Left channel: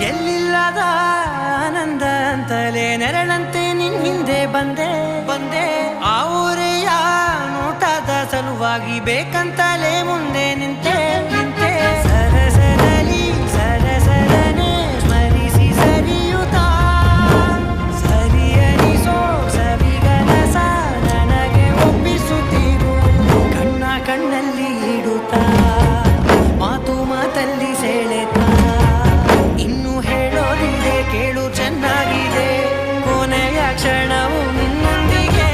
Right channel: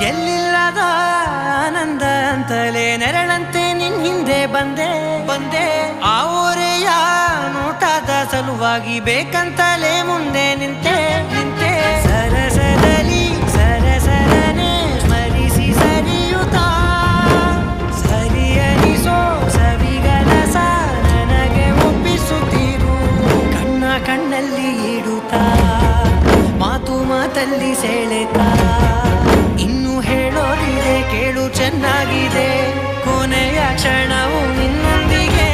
ಎಲ್ಲಿಲ್ಲದ ಆನಂದ ಅಂತಲೇ ನೆರಳಂತೆ ನಿನ್ ಹಿಂದೆ ಬಂದೆ ಆ ಊರೆಯ ನೋಟದ ಸಲುವಾಗಿ ಬೇಕಂತಲೇ ಮುಂದೆ ನಿಂತೆ ಸರಸದಲ್ಲಿ ಸರಸರನೆ ಸ್ಮರಿಸಿ ಸರಿಯುತ್ತಾ ಸರಿಯನಿಸೋ ಸವಿಗನಸ ನನಗೆ ಒಪ್ಪಿಸುತ್ತೀರು ಕಣ್ಣಲ್ಲಿ ಇಡುತ್ತಾ ಮಾತಲ್ಲಿ ಸೆಳೆತಾ ಇನ್ನು ಹೇಳೋದಿದೆ ಕೇಳು ಚೆನ್ನಾಗಿದೆ ಕೊನೆಯ ಕ್ಷಣವು ನಿನ್ನೊಂದಿಗೆ